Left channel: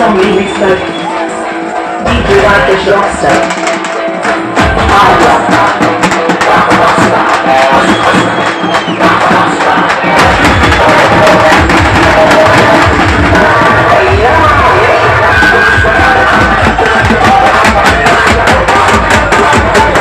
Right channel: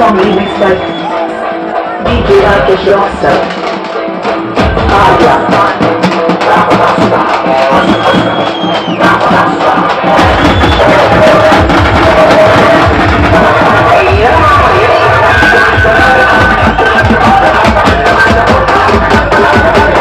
Awesome remix by DJ Rakesh Rockstar. Ah, yeah.